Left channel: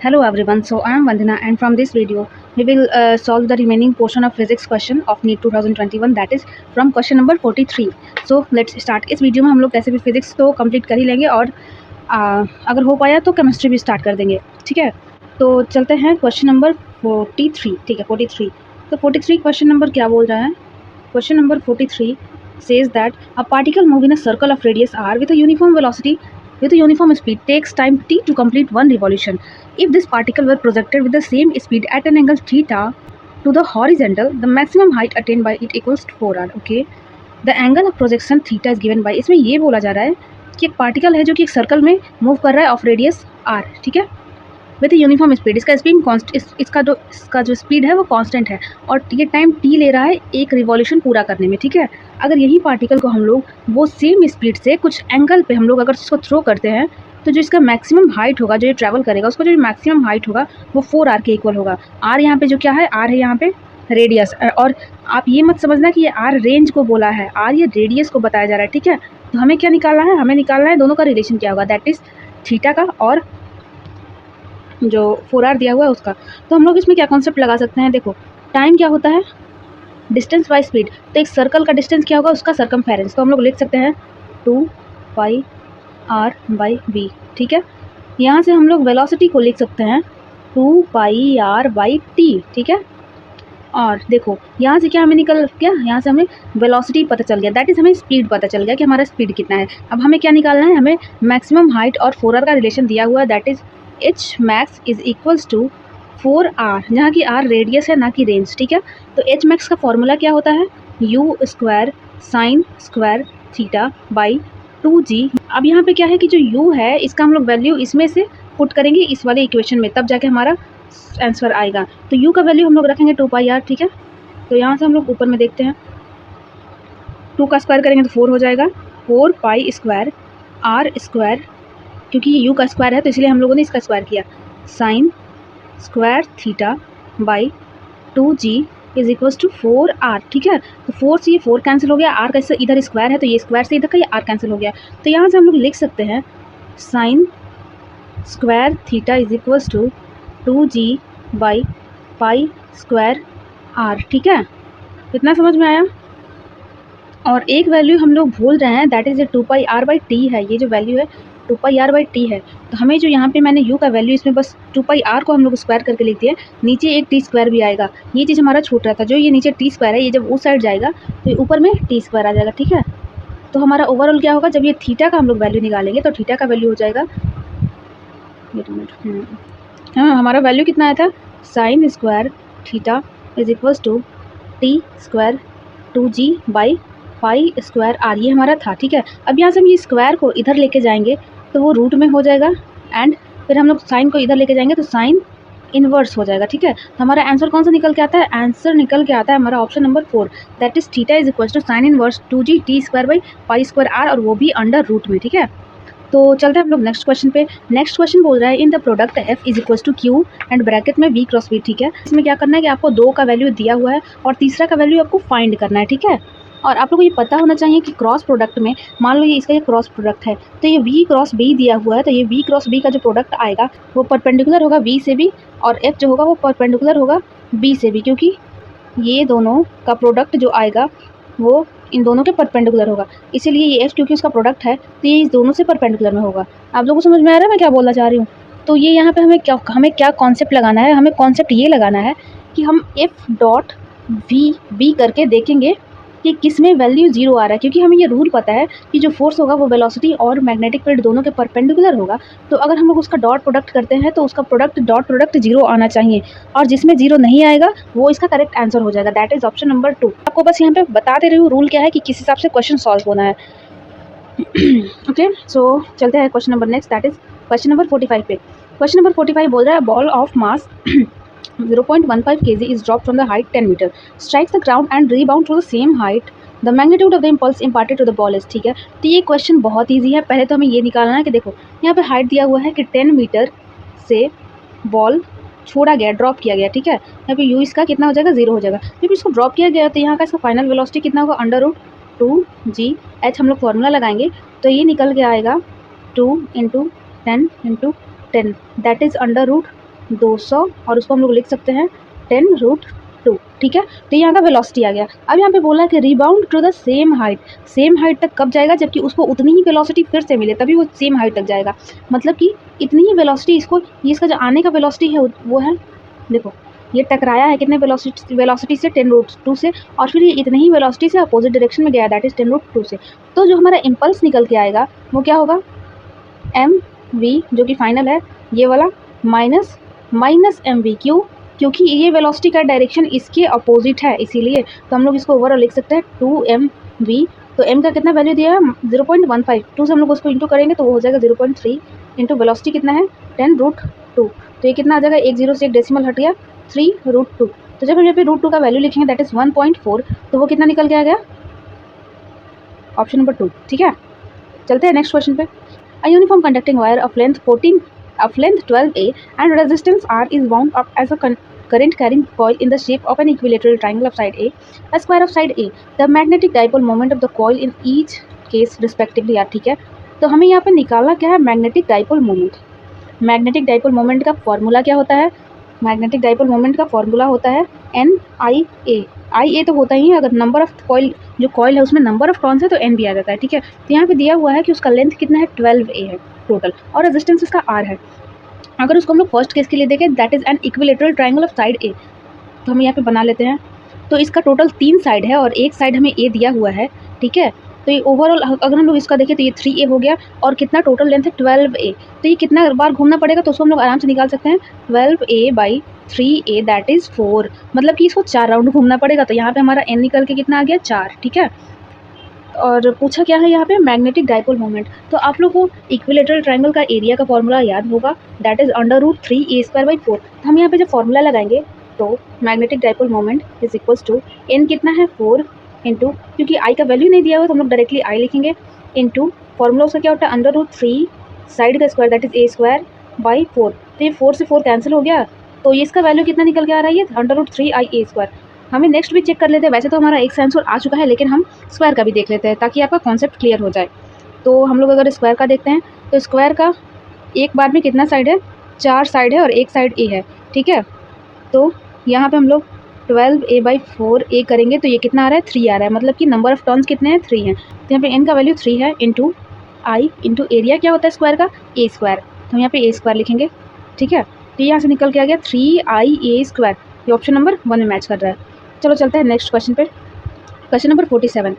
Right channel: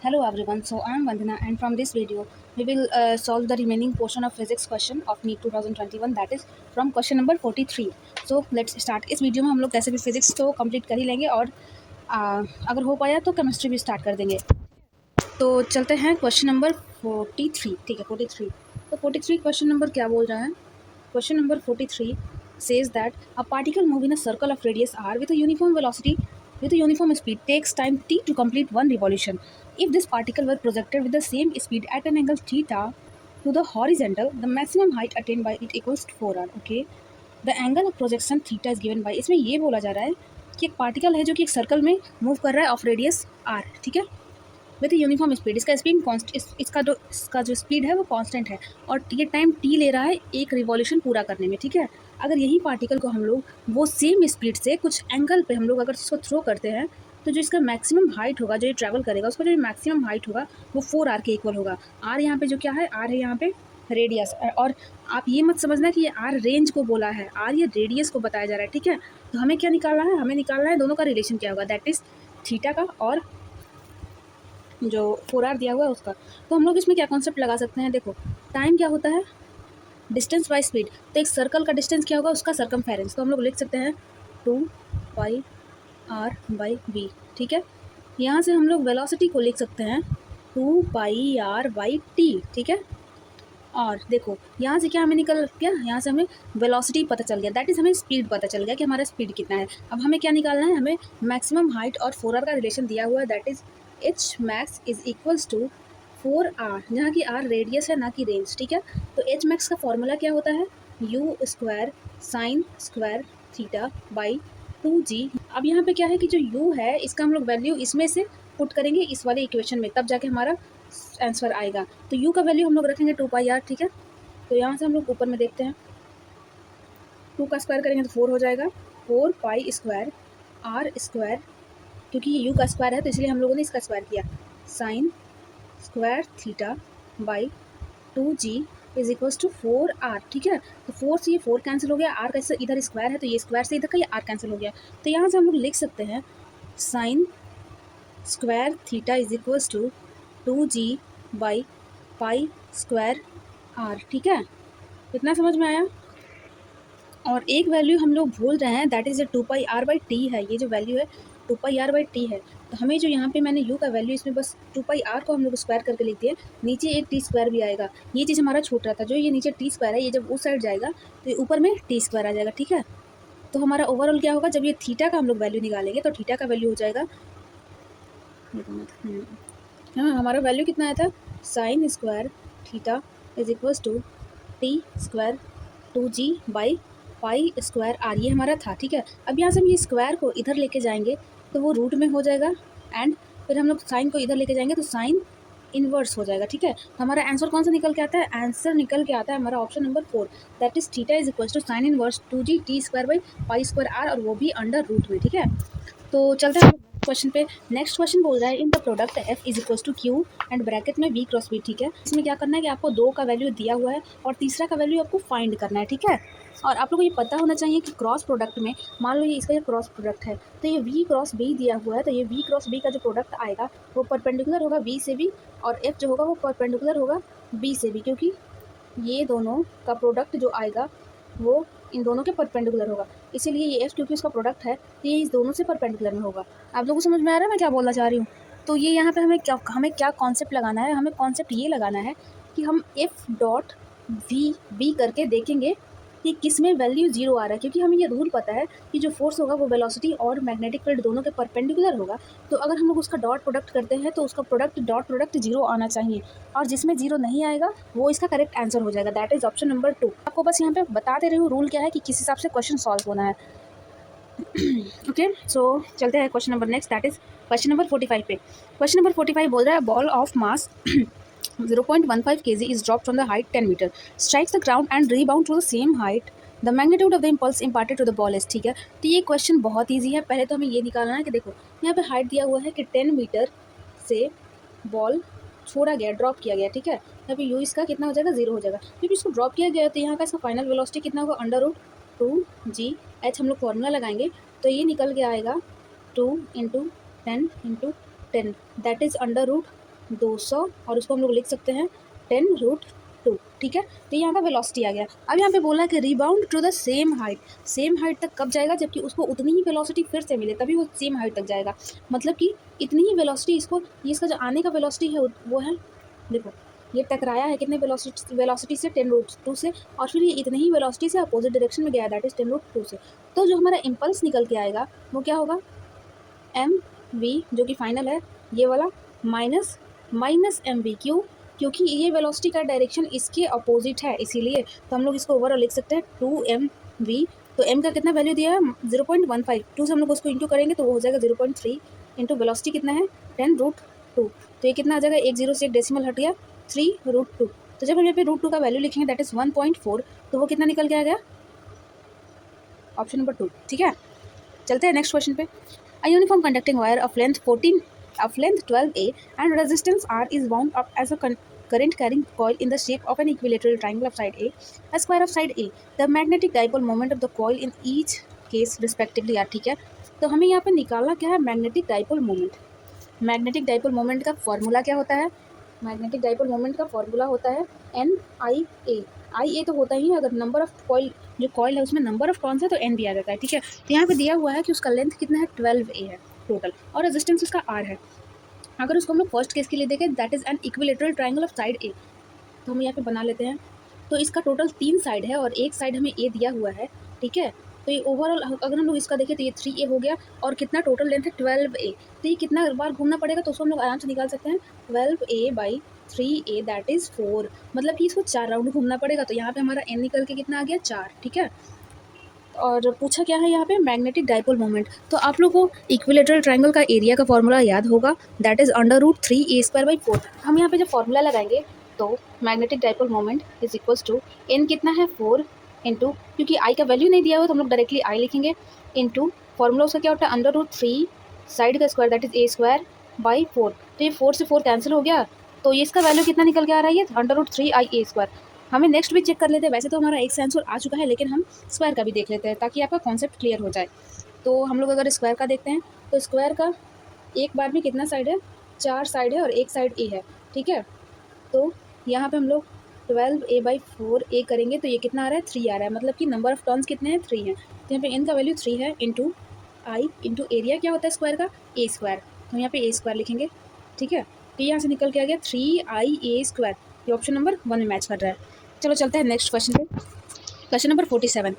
Hello everyone, so I am Vandana and from this video we will solve the remaining portion of physics question of NEET 2021 that is from question number 43. So let's start. इस video में हम लोग कैसे भी physics तो complete कर ही लेंगे और अगर हो पाया तो केमिस्ट्री भी स्टार्ट कर देंगे, ठीक है। तो चलते हैं क्वेश्चन नंबर 43, ठीक है 43। तो 43 क्वेश्चन नंबर क्या बोल रहा है? Question number 43 says that a particle move in a circle of radius r with a uniform velocity with a uniform speed takes time t to complete one revolution. If this particle were projected with the same speed at an angle theta to the horizontal, the maximum height attained by it equals to 4r. Okay, the angle of projection theta is given by, इसमें ये बोला जा रहा है कि एक particle है जो कि एक सर्कल में मूव कर रहा है ऑफ रेडियस r, ठीक है, विथ यूनिफॉर्म स्पीड। इसका स्पीड इसका जो स्पीड है वो कांस्टेंट है और ये टाइम टी ले रहा है एक रिवॉल्यूशन पूरा करने में, ठीक है। अगर यही पार्टिकल को हम लोग वो सेम स्पीड से कुछ एंगल पे हम लोग अगर इसको थ्रो करते हैं तो जो इसका मैक्सिमम हाइट होगा, जो ये ट्रैवल करेगा उसका जो मैक्सिमम हाइट होगा वो 4r के इक्वल होगा। r यहाँ पे जो क्या है, r है यहाँ पे रेडियस, और आप ये मत समझना कि ये r रेंज को बोला है, r ये रेडियस को बताया जा रहा है, ठीक है। तो हमें क्या निकालना है, हमें निकालना है दोनों का रिलेशन क्या होगा, दैट इज़ थीटा का और जो 4r दिया हुआ है उसका। तो हम लोग इसमें क्या कॉन्सेप्ट लगा सकते हैं, देखो टाइम क्या होता है, डिस्टेंस बाय स्पीड। तो एक सर्कल का डिस्टेंस क्या होगा, उसका सरकमफेरेंस। तो हम लोग लिख सकते हैं 2πr/b, ठीक है। यहाँ से हम लोग वेलोसिटी को लिख सकते हैं 2πr/t, ठीक है। और देखो यहाँ से क्या हमें निकल गया, यहाँ से हमें वेलोसिटी पता चल गया, दैट इज़ हमें स्पीड पता चल गया कि हमारा स्पीड कितना है। अब हमें क्या निकालना है, हमें मैक्सिमम हाइट और 4r का रिलेशन दिया हुआ है, that is H max is equals to 4r, जहाँ की r रेडियस है ना कि रेंज, ठीक है। तो एच मैक्स का फॉर्मूला क्या होता है, u square sine square theta by 2g। अब यहाँ पे क्या है कि जो u है इसका हम लोग वैल्यू इसमें से पुट करेंगे इस वाले इक्वेशन में, तब जाके हमारा आंसर आएगा। तो u का वैल्यू हम लोग रखेंगे 2πr, ठीक है। तो यहाँ से हम लोग ऊपर में देखते हैं, 2 का स्क्वायर करेंगे तो 4 हो जाएगा, 4π स्क्वायर r स्क्वायर, क्योंकि ये u का स्क्वायर है तो इसलिए हम लोगों ने इसका स्क्वायर किया, sine square theta by 2g is equals to 4r, ठीक है। तो 4 से ये 4 कैंसिल हो गया, r का इधर स्क्वायर है तो ये स्क्वायर से इधर का ये r कैंसिल हो गया। तो यहाँ से हम लोग लिख सकते हैं sine square theta is equals to 2g by pi square r, ठीक है। इतना समझ में आया। और एक वैल्यू हम लोग भूल रहे हैं, दैट इज़ ये 2πr/t है, ये जो वैल्यू है 2πr/t है। तो हमें जो यहाँ पे मैंने u का वैल्यू इसमें बस 2πr को हम लोग स्क्वायर करके लिख दिए, नीचे एक टी स्क्वायर भी आएगा, ये चीज़ हमारा छूट रहा था। जो ये नीचे टी स्क्वायर है ये जब उस साइड जाएगा तो ये ऊपर में टी स्क्वायर आ जाएगा, ठीक है। तो हमारा ओवरऑल क्या होगा, जब ये थीटा का हम लोग वैल्यू निकालेंगे तो थीटा का वैल्यू हो जाएगा, हाँ हमारा वैल्यू कितना आया था, sine square theta is equals to T square 2g by pi square r, ये हमारा था, ठीक है। अब यहाँ से हम ये स्क्वायर को इधर लेके जाएंगे तो वो रूट में हो जाएगा, एंड फिर हम लोग साइन को इधर लेके जाएंगे तो साइन इन्वर्स हो जाएगा, ठीक है। तो हमारा आंसर कौन सा निकल के आता है, आंसर निकल के आता है हमारा option number 4, that is theta is equal to sine inverse 2g T square by pi square r, और वो भी अंडर रूट में, ठीक है। तो चलते हैं हम लोग नेक्स्ट क्वेश्चन पे। नेक्स्ट क्वेश्चन बोल रहा है in the product f is equal to Q and bracket में v क्रॉस v, ठीक है। इसमें क्या करना है कि आपको 2 का वैल्यू दिया हुआ है और तीसरा का वैल्यू आपको फाइंड करना है, ठीक है। और आप लोगों को ये पता होना चाहिए कि क्रॉस प्रोडक्ट में, मान लो ये इसका ये क्रॉस प्रोडक्ट है तो ये v क्रॉस b दिया हुआ है, तो ये v क्रॉस b का जो प्रोडक्ट आएगा वो परपेंडिकुलर होगा v से भी, और f जो होगा वो परपेंडिकुलर होगा b से भी, क्योंकि ये दोनों का प्रोडक्ट जो आएगा वो इन दोनों के परपेंडिकुलर होगा, इसीलिए ये f क्योंकि उसका प्रोडक्ट है तो ये इस दोनों से परपेंडिकुलर में होगा। आप लोगों को समझ में आ रहा है मैं क्या बोलना चाह रही हूँ। तो ये यहाँ पे हमें क्या कॉन्सेप्ट लगाना है, हमें कॉन्सेप्ट ये लगाना है कि हम f डॉट v करके देखेंगे कि किस में वैल्यू 0 आ रहा है, क्योंकि हमें ये रूल पता है कि जो फोर्स होगा वो वेलोसिटी और मैग्नेटिक फील्ड दोनों के परपेंडिकुलर होगा। तो अगर हम लोग उसका डॉट प्रोडक्ट करते हैं तो उसका डॉट प्रोडक्ट 0 आना चाहिए, और जिसमें 0 नहीं आएगा वो इसका करेक्ट आंसर हो जाएगा, दैट इज ऑप्शन नंबर 2। आपको बस यहाँ पे बता दे रही हूँ रूल क्या है कि किस हिसाब से क्वेश्चन सॉल्व होना है। ओके, सो चलते हैं question number next, that is question number 45 पे। क्वेश्चन नंबर 45 बोल रहा है ball of mass 0.15 kg is dropped from the height 10 meter, strikes the ground and rebound to the same height. The magnitude of the impulse imparted to the ball is, ठीक है। तो ये क्वेश्चन बहुत easy है। पहले तो हमें ये निकालना है कि देखो यहाँ पे हाइट दिया हुआ है कि 10 मीटर से बॉल छोड़ा गया, ड्रॉप किया गया, ठीक है। यहाँ पे यू इसका कितना हो जाएगा, 0 हो जाएगा। जब इसको ड्रॉप किया गया तो यहाँ का इसका फाइनल वेलोसिटी कितना होगा, अंडर रूट 2g h, हम लोग फॉर्मूला लगाएंगे तो ये निकल के आएगा 2 × 10 × 10, दैट इज़ अंडर रूट 200 और उसको हम लोग लिख सकते हैं 10√2, ठीक है। तो यहाँ का वेलोसिटी आ गया। अब यहाँ पे बोला कि rebound to the same height तक कब जाएगा, जबकि उसको उतनी ही वेलोसिटी फिर से मिले तभी वो सेम हाइट तक जाएगा। मतलब कि इतनी ही वेलोसिटी इसको, ये इसका जो आने का वेलोसिटी है वो है, देखो ये टकराया है कितने वेलोसिटी से 10√2 से, और फिर ये इतनी ही वेलोसिटी से अपोजिट डायरेक्शन में गया, दैट इज 10√2 से। तो जो हमारा इम्पल्स निकल के आएगा वो क्या होगा, mv जो कि फाइनल है ये वाला, माइनस mv, क्योंकि ये वेलोसिटी का डायरेक्शन इसके अपोजिट है, इसीलिए तो हम लोग इसको ओवरऑल लिख सकते हैं 2mv। तो m का कितना वैल्यू दिया है 0.15, 2 से हम लोग उसको इंटू करेंगे तो वो हो जाएगा 0.3 इंटू वेलोसिटी कितना है 10√2। तो ये कितना आ जाएगा, 1 0 से एक डेसिमल हट गया 3√2। तो जब हम यहाँ पे √2 का वैल्यू लिखेंगे दैट इज 1.4, तो वो कितना निकल के आ गया, ऑप्शन नंबर 2, ठीक है। चलते हैं नेक्स्ट क्वेश्चन पे। A uniform conducting wire of length 12A and resistance R is wound up as a current carrying coil in the shape of an equilateral triangle of side A, a square of side A. The magnetic dipole moment of the coil in each case respectively are, ठीक है। तो हमें यहाँ पे निकालना क्या है, magnetic dipole moment. Magnetic dipole moment का फॉर्मूला क्या होता है, मैग्नेटिक डाइपोल मोमेंट का फॉर्मूला होता है NIA। IA तो होता ही है, अगर नंबर ऑफ कॉइल, जो कॉइल है उसमें नंबर ऑफ टर्न्स है तो N भी आ जाता है, ठीक है। तो यहाँ पे दिया हुआ है कि उसका लेंथ कितना है 12A है टोटल, और रेजिस्टेंस उसका R है। अगर उसको हम लोग फर्स्ट केस के लिए देखें that is an equilateral triangle of side A, तो हम यहाँ पे बना लेते हैं। तो इसका टोटल 3 साइड है और एक साइड हमें A दिया हुआ है, ठीक है। तो ये ओवरऑल अगर हम लोग इसका देखें तो ये 3A हो गया, और कितना टोटल लेंथ है 12A। तो ये कितना बार घूमना पड़ेगा, तो उसको हम लोग आराम से निकाल सकते हैं 12A/3A दैट इज़ 4, मतलब कि इसको 4 राउंड घूमना पड़ेगा। तो यहाँ पे हमारा N निकल के कितना आ गया 4, ठीक है। और पूछा क्या है यहाँ पे, मैग्नेटिक डाइपोल मोमेंट। तो आप लोग को इक्विलेटरल ट्राइंगल का एरिया का फॉर्मूला याद होगा, दैट इज √3A²/4। हम यहाँ पे जब फॉर्मूला लगाएंगे तो magnetic dipole moment is equals to N कितना है 4 इंटू, क्योंकि आई का वैल्यू नहीं दिया हुआ तो हम लोग डायरेक्टली आई लिखेंगे, इंटू फॉर्मूला उसका क्या होता है √3 साइड का स्क्वायर दैट इज A²/4। तो ये 4 से 4 कैंसिल हो गया, तो ये इसका वैल्यू कितना निकल के आ रहा है, ये √3IA²। हमें नेक्स्ट भी चेक कर लेते हैं, वैसे तो हमारा एक आंसर आ चुका है, लेकिन हम स्क्वायर का भी देख लेते हैं ताकि आपका कॉन्सेप्ट क्लियर हो जाए। तो हम लोग अगर स्क्वायर का देखते हैं तो स्क्वायर का एक बार में कितना साइड है, 4 साइड है और एक साइड A है, ठीक है। तो यहाँ पे हम लोग 12A/4A करेंगे तो ये कितना आ रहा है 3 आ रहा है, मतलब कि नंबर ऑफ टर्न्स कितने हैं 3 हैं। तो यहाँ पे N का वैल्यू 3 है, इंटू आई इंटू एरिया क्या होता है स्क्वायर का A², तो हम यहाँ पे A² लिखेंगे, ठीक है। तो यहाँ से निकल के आ गया 3IA², ये ऑप्शन नंबर 1 में मैच कर रहा है। चलो चलते हैं नेक्स्ट क्वेश्चन पे। Question number 47।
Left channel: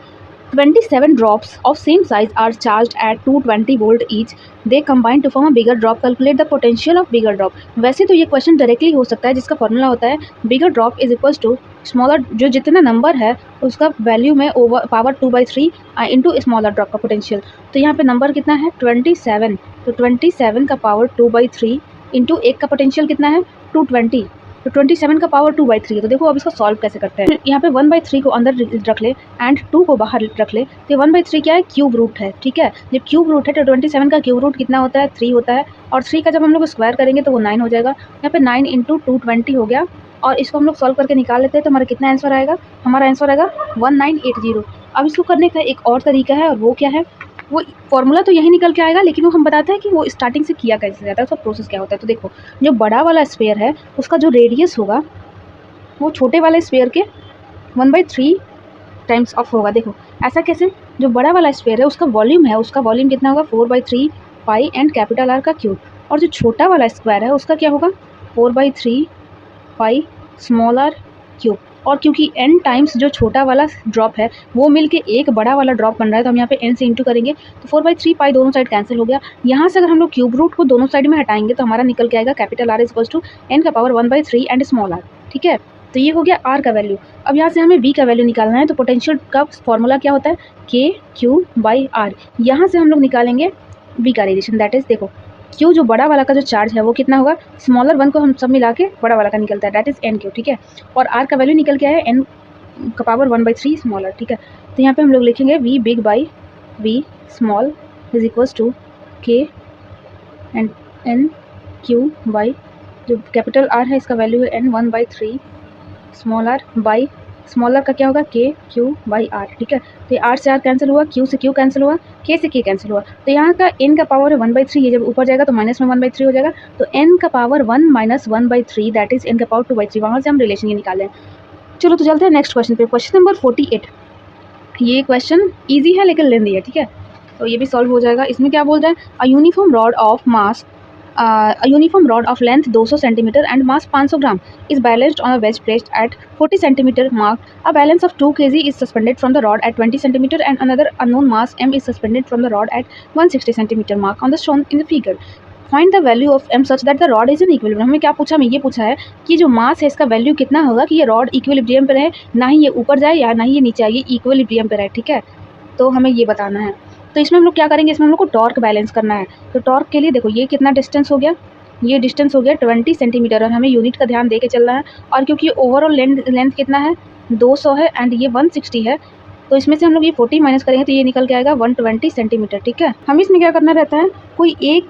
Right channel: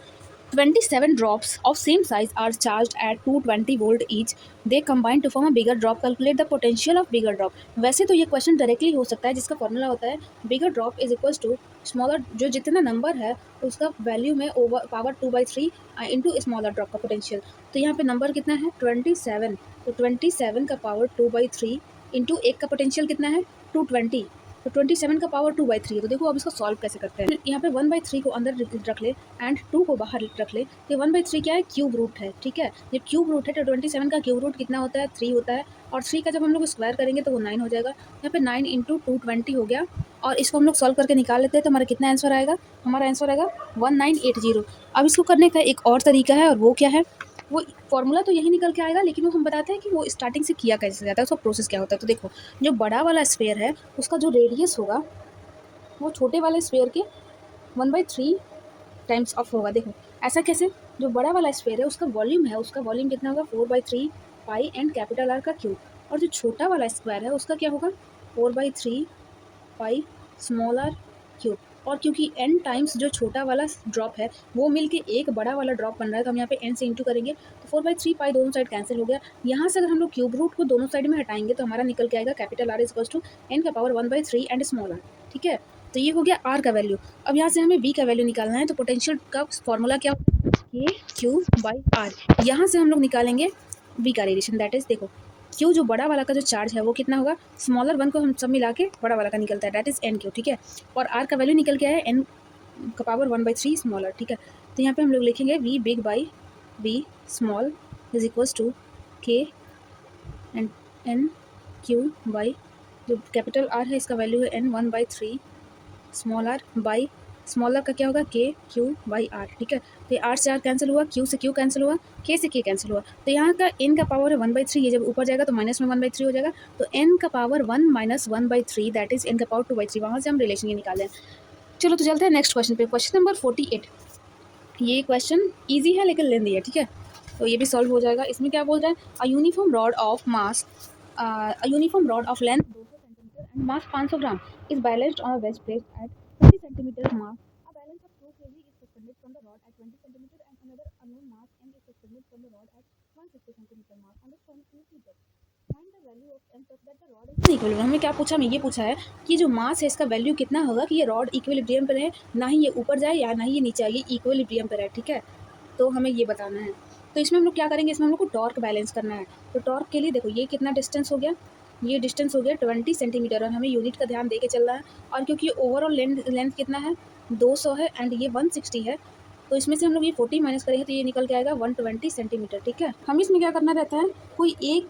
27 drops of same size are charged at 220 volt each. They combine to form a bigger drop. Calculate the potential of bigger drop. वैसे तो ये क्वेश्चन डायरेक्टली हो सकता है, जिसका फॉर्मूला होता है bigger drop is equals to smaller, जो जितना नंबर है उसका वैल्यू में over power 2/3 into smaller drop का पोटेंशियल। तो यहाँ पे नंबर कितना है 27, तो 27 का पावर 2/3 इंटू एक का पोटेंशियल कितना है 220, तो 27 का पावर 2/3। तो देखो अब इसको सॉल्व कैसे करते हैं। यहाँ पे 1/3 को अंदर रख ले एंड 2 को बाहर रख ले, तो 1/3 क्या है क्यूब रूट है, ठीक है। जब क्यूब रूट है तो 27 का क्यूब रूट कितना होता है 3 होता है, और 3 का जब हम लोग स्क्वायर करेंगे तो वो 9 हो जाएगा। यहाँ पे 9 इंटू 220 हो गया, और इसको हम लोग सॉल्व करके निकाल लेते हैं तो हमारा कितना आंसर आएगा, हमारा आंसर आएगा 1980। अब इसको करने का एक और तरीका है, और वो क्या है, वो फॉर्मूला तो यही निकल के आएगा, लेकिन वो हम बताते हैं कि वो स्टार्टिंग से किया कैसे जाता है, उसका प्रोसेस क्या होता है। तो देखो जो बड़ा वाला स्फीयर है उसका जो रेडियस होगा वो छोटे वाले स्फीयर के 1/3 टाइम्स ऑफ होगा। देखो ऐसा कैसे, जो बड़ा वाला स्फीयर है उसका वॉल्यूम है, उसका वॉल्यूम कितना होगा 4/3 पाई एंड कैपिटल आर का क्यूब, और जो छोटा वाला स्क्वायर है उसका क्या होगा 4/3 पाई स्मॉल आर क्यूब। और क्योंकि n टाइम्स जो छोटा वाला ड्रॉप है वो मिलके एक बड़ा वाला ड्रॉप बन रहा है, तो हम यहाँ पे n से इंटू करेंगे तो 4/3 पाई दोनों साइड कैंसिल हो गया। यहाँ से अगर हम लोग क्यूब रूट को दोनों साइड में हटाएंगे तो हमारा निकल के आएगा capital R equals to n का पावर 1/3 एंड स्मॉल r, ठीक है। तो ये हो गया R का वैल्यू। अब यहाँ से हमें V का वैल्यू निकालना है, तो पोटेंशियल का फॉर्मूला क्या होता है KQ/R। यहाँ से हम लोग निकालेंगे V का रेडिएशन, दैट इज देखो Q जो बड़ा वाला का जो चार्ज है वो कितना होगा, स्मॉलर वन को हम सब मिला के बड़ा वाला का निकलता है, दैट इज NQ, ठीक है। और R का वैल्यू निकल के आया N का पावर 1/3 स्मॉलर, ठीक है। तो यहाँ पे हम लोग लिखेंगे V big by V small is equals to K and NQ by जो कैपिटल R है इसका वैल्यू है N 1/3 small r by smaller का क्या होगा के क्यू बाई आर, ठीक है। तो ये आर से आर कैंसिल हुआ, क्यू से क्यू कैंसिल हुआ, के से के कैंसिल हुआ। तो यहाँ का एन का पावर है 1/3, ये जब ऊपर जाएगा तो माइनस में 1/3 हो जाएगा। तो एन का पावर 1 - 1/3 दैट इज एन का पावर 2/3। वहाँ से हम रिलेशन ये निकालें। चलो तो चलते हैं नेक्स्ट क्वेश्चन पे। Question number 48। ये क्वेश्चन ईजी है लेकिन लेंदी है, ठीक है। तो ये भी सॉल्व हो जाएगा। इसमें क्या बोल रहा है, a uniform rod of mass a uniform rod of length 200 cm and mass 500 gram is balanced on a wedge placed at 40 cm mark. A balance of 2 kg is suspended from the rod at 20 cm and another unknown mass m is suspended from the rod at 160 cm mark on the shown in the figure. Find the value of m such that the rod is in equilibrium. हमें क्या पूछा, हमें ये पूछा है कि जो मास है इसका वैल्यू कितना होगा कि ये रॉड इक्विलिब्रियम पर रहे, ना ही ये ऊपर जाए या ना ही ये नीचे आए, ये इक्विलिब्रियम पर है, ठीक है। तो हमें ये बताना है। तो इसमें हम लोग क्या करेंगे, इसमें हम लोग को टॉर्क बैलेंस करना है। तो टॉर्क के लिए देखो ये कितना डिस्टेंस हो गया, ये डिस्टेंस हो गया 20 सेंटीमीटर और हमें यूनिट का ध्यान दे के चलना है। और क्योंकि ओवरऑल लेंथ कितना है 200 है एंड ये 160 है, तो इसमें से हम लोग ये 40 माइनस करेंगे तो ये निकल के आएगा 120 सेंटीमीटर, ठीक है। हमें इसमें क्या करना रहता है, कोई एक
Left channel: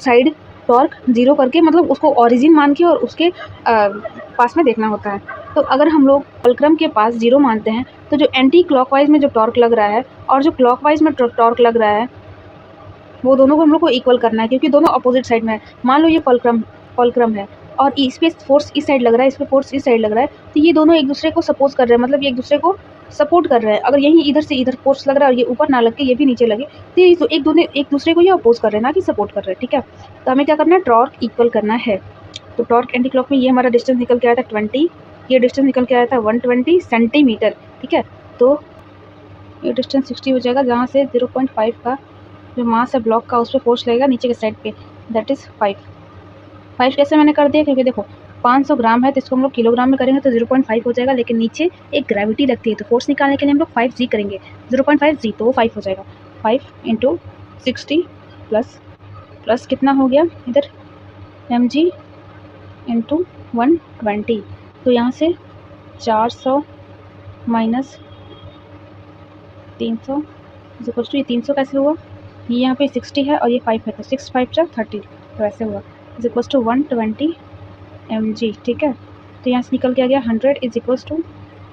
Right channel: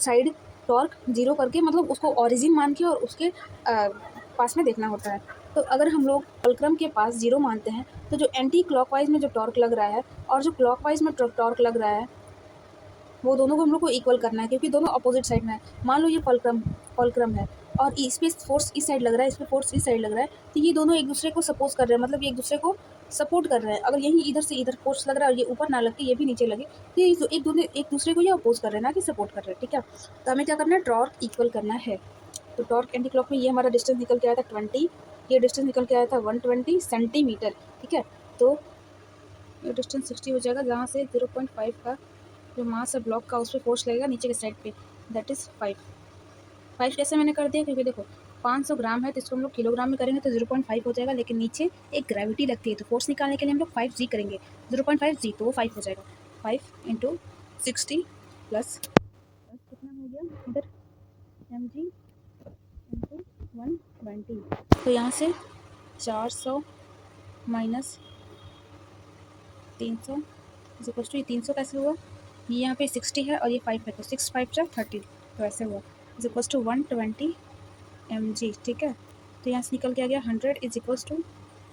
साइड टॉर्क जीरो करके मतलब उसको ओरिजिन मान के और उसके पास में देखना होता है। तो अगर हम लोग फुलक्रम के पास जीरो मानते हैं तो जो एंटी क्लॉकवाइज में जो टॉर्क लग रहा है और जो क्लॉकवाइज में टॉर्क लग रहा है वो दोनों को हम लोग को इक्वल करना है, क्योंकि दोनों अपोजिट साइड में है। मान लो ये फुलक्रम है और इस पर फोर्स इस साइड लग रहा है, इस पर फोर्स इस साइड लग रहा है, तो ये दोनों एक दूसरे को सपोज कर रहे हैं, मतलब ये एक दूसरे को सपोर्ट कर रहे हैं। अगर यहीं इधर से इधर फोर्स लग रहा है और ये ऊपर ना लग के ये भी नीचे लगे तो ये एक दूसरे को ये अपोज कर रहे हैं, ना कि सपोर्ट कर रहे हैं, ठीक है। तो हमें क्या करना है, टॉर्क इक्वल करना है। तो टॉर्क एंटी क्लॉक में ये हमारा डिस्टेंस निकल के आया था 20, ये डिस्टेंस निकल के आया था 120 सेंटीमीटर, ठीक है। तो ये डिस्टेंस 60 हो जाएगा, जहाँ से 0.5 का जो मास है ब्लॉक का उस पर फोर्स लगेगा नीचे के साइड पे, दैट इज़ 5 कैसे मैंने कर दिया, क्योंकि देखो 500 ग्राम है तो इसको हम लोग किलोग्राम में करेंगे तो 0.5 हो जाएगा, लेकिन नीचे एक ग्रेविटी लगती है तो फोर्स निकालने के लिए हम लोग 5g करेंगे, 0.5 जी तो वो 5 हो जाएगा। 5 × 60 प्लस कितना हो गया इधर mg × 120, तो यहाँ से 400 माइनस 300 इक्वल्स टू ये 300 कैसे हुआ, ये यहाँ पे 60 है और ये 5 है तो 6 5 × 30 तो ऐसे हुआ इज इक्वल्स टू 120 mg, ठीक है। तो यहाँ से निकल के आ गया 100 इज इक्वल्स टू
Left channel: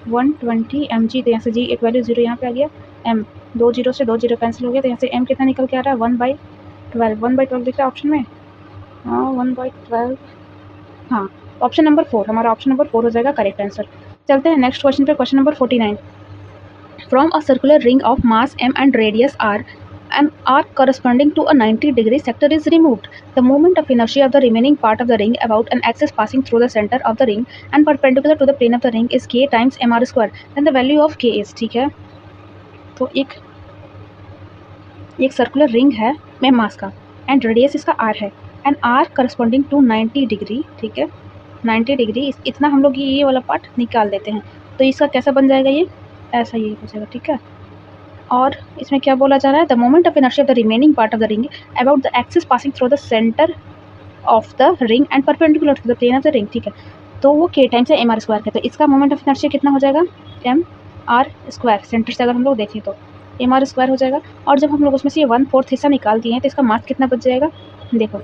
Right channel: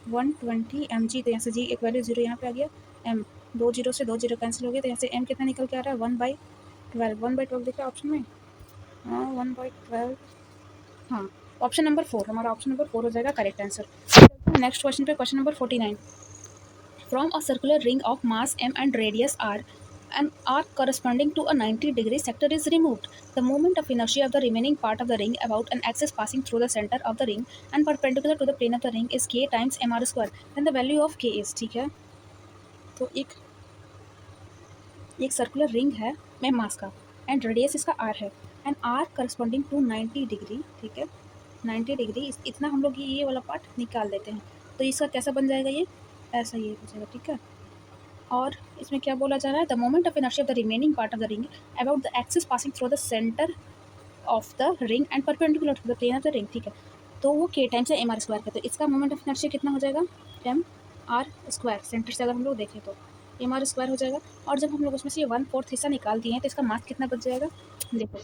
120 mg। तो यहाँ से g एक वैल्यू 0 यहाँ पे आ गया, m 2 0 से 2 0 कैंसिल हो गया, तो यहाँ से m कितना निकल के आ रहा है 1/12 1/12 दिख रहा है ऑप्शन में, हाँ 1/12, हाँ ऑप्शन नंबर 4 हमारा ऑप्शन नंबर 4 हो जाएगा करेक्ट आंसर। चलते हैं नेक्स्ट क्वेश्चन पे, question number 49। From a circular ring of mass m and radius r, an arc corresponding to a 90-degree sector is removed. The moment of inertia of the remaining part of the ring about an axis passing through the center of the ring and perpendicular to the plane of the ring is k times mr square. Then the value of k is, ठीक है। तो एक circular ring है में mass का and radius इसका r है and r corresponding to 90 degree, ठीक है। 90 डिग्री इतना हम लोग ये वाला पार्ट निकाल देते हैं, तो इसका कैसा बन जाएगा, ये ऐसा ये हो जाएगा, ठीक है। और इसमें क्या बोला जा रहा है, the moment of inertia of the remaining part of the ring about the axis passing through the centre of the ring and perpendicular to the plane of the ring, ठीक है। तो वो k टाइम्स है mr square का, तो इसका moment of inertia कितना हो जाएगा mr स्क्वायर, सेंटर से अगर हम लोग देखें तो mr स्क्वायर हो जाएगा। और जब हम लोग उसमें से ये 1/4 हिस्सा निकाल दिए हैं तो इसका मास कितना बच जाएगा, देखो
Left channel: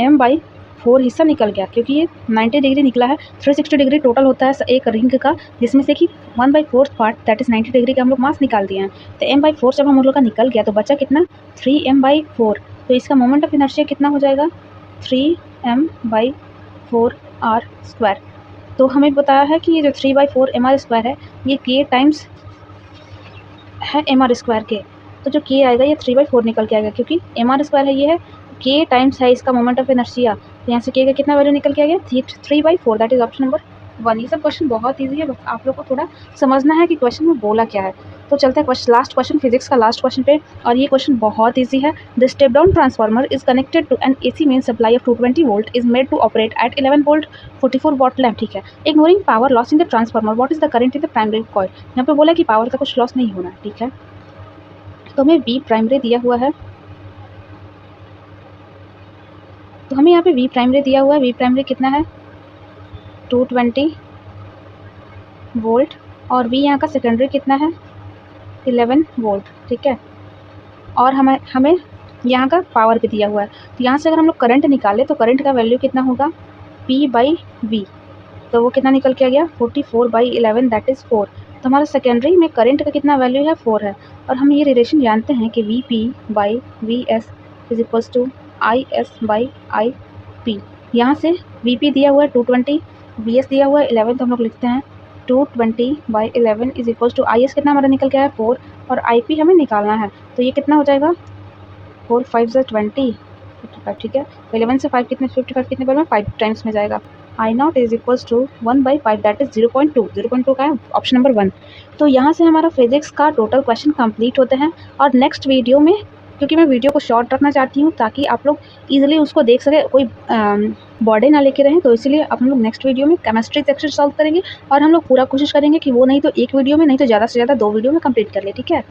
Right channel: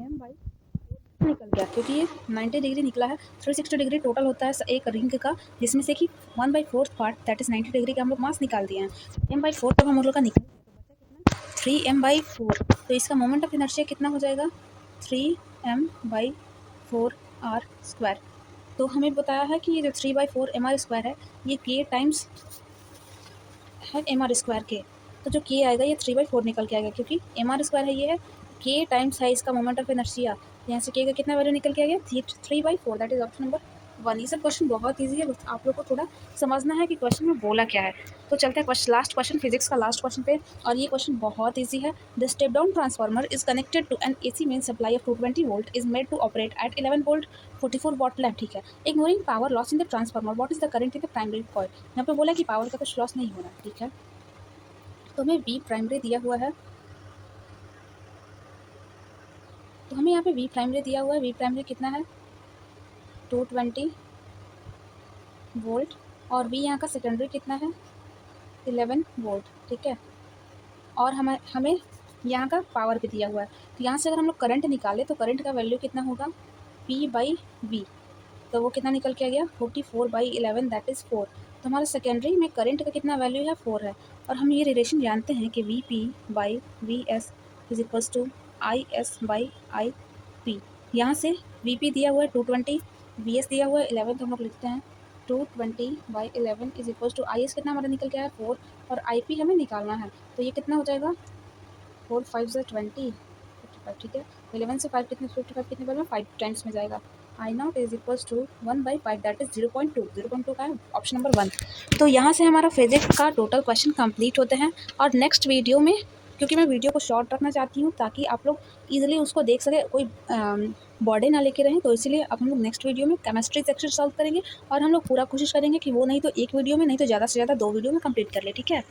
m/4 हिस्सा निकल गया, क्योंकि ये 90 डिग्री निकला है, 360 डिग्री टोटल होता है एक रिंग का, जिसमें से कि 1/4 पार्ट दैट इज़ 90 डिग्री का हम लोग मास निकाल दिए हैं। तो m/4 जब हम लोग का निकल गया तो बचा कितना 3m/4, तो इसका मोमेंट ऑफ इनर्शिया कितना हो जाएगा 3m/4 r स्क्वायर। तो हमें बताया है कि ये जो 3/4 mr स्क्वायर है ये k टाइम्स है mr स्क्वायर के, तो जो k आएगा ये 3/4 निकल के आएगा, क्योंकि mr स्क्वायर है, ये है k टाइम्स है इसका मोमेंट ऑफ इनर्शिया, तो यहाँ से k का कितना वैल्यू निकल के आ गया 3/4, दैट इज ऑप्शन नंबर 1। ये सब क्वेश्चन बहुत ईजी है, बस आप लोग को थोड़ा समझना है कि क्वेश्चन में बोला क्या है। तो चलते हैं लास्ट क्वेश्चन, फिजिक्स का लास्ट क्वेश्चन पे, और ये क्वेश्चन बहुत ईजी है। The step down transformer is connected to an AC main supply of 220 volt is made to operate at 11 volt 44 watt lamp, ठीक है। Ignoring power loss in the transformer what is the current in the primary coil. यहाँ पे बोला कि power का कुछ loss नहीं होना, ठीक है। तो हमें V प्राइमरी दिया हुआ है, तो हमें यहाँ पे V प्राइमरी दिया हुआ है, V प्राइमरी कितना है 220 वोल्ट, और V यहाँ का सेकेंडरी कितना है 11 वोल्ट, ठीक है। और हमें यहाँ का पावर भी दिया हुआ है, तो यहाँ से अगर हम लोग करंट निकालें तो करंट का वैल्यू कितना होगा P/V, तो वो कितना निकल के आ गया 44/11 दैट इज़ 4। तो हमारा सेकेंडरी में करंट का कितना वैल्यू है 4 है। और हम ये रिलेशन जानते हैं कि VP/VS is equals to IS/IP। यहाँ से VP दिया हुआ है 220, VS दिया हुआ है 11, तो हम लोग लिखते हैं 220/11 इज इक्वल्स टू IS कितना हमारा निकल के आया 4 और IP हमें निकालना है। तो ये कितना हो जाएगा 4 5 ज़ा 20 55, ठीक है। 11 से 5 कितने 55 कितने बार में 5 टाइम्स में जाएगा। I0 is equals to 1/5 that is 0.2। 0.2 का है ऑप्शन नंबर 1। तो यहाँ से हमारा फिजिक्स का टोटल क्वेश्चन कंप्लीट होते हैं। और नेक्स्ट वीडियो में, क्योंकि मैं वीडियो को शॉर्ट रखना चाहती हूँ ताकि आप लोग ईजिली उसको देख सके, कोई बॉडी ना लेके रहें, तो इसीलिए अब हम लोग नेक्स्ट वीडियो में केमिस्ट्री सेक्शन सॉल्व करेंगे। और हम लोग पूरा कोशिश करेंगे कि वो नहीं तो एक वीडियो में, नहीं तो ज़्यादा से ज़्यादा 2 वीडियो में कंप्लीट कर ले, ठीक है।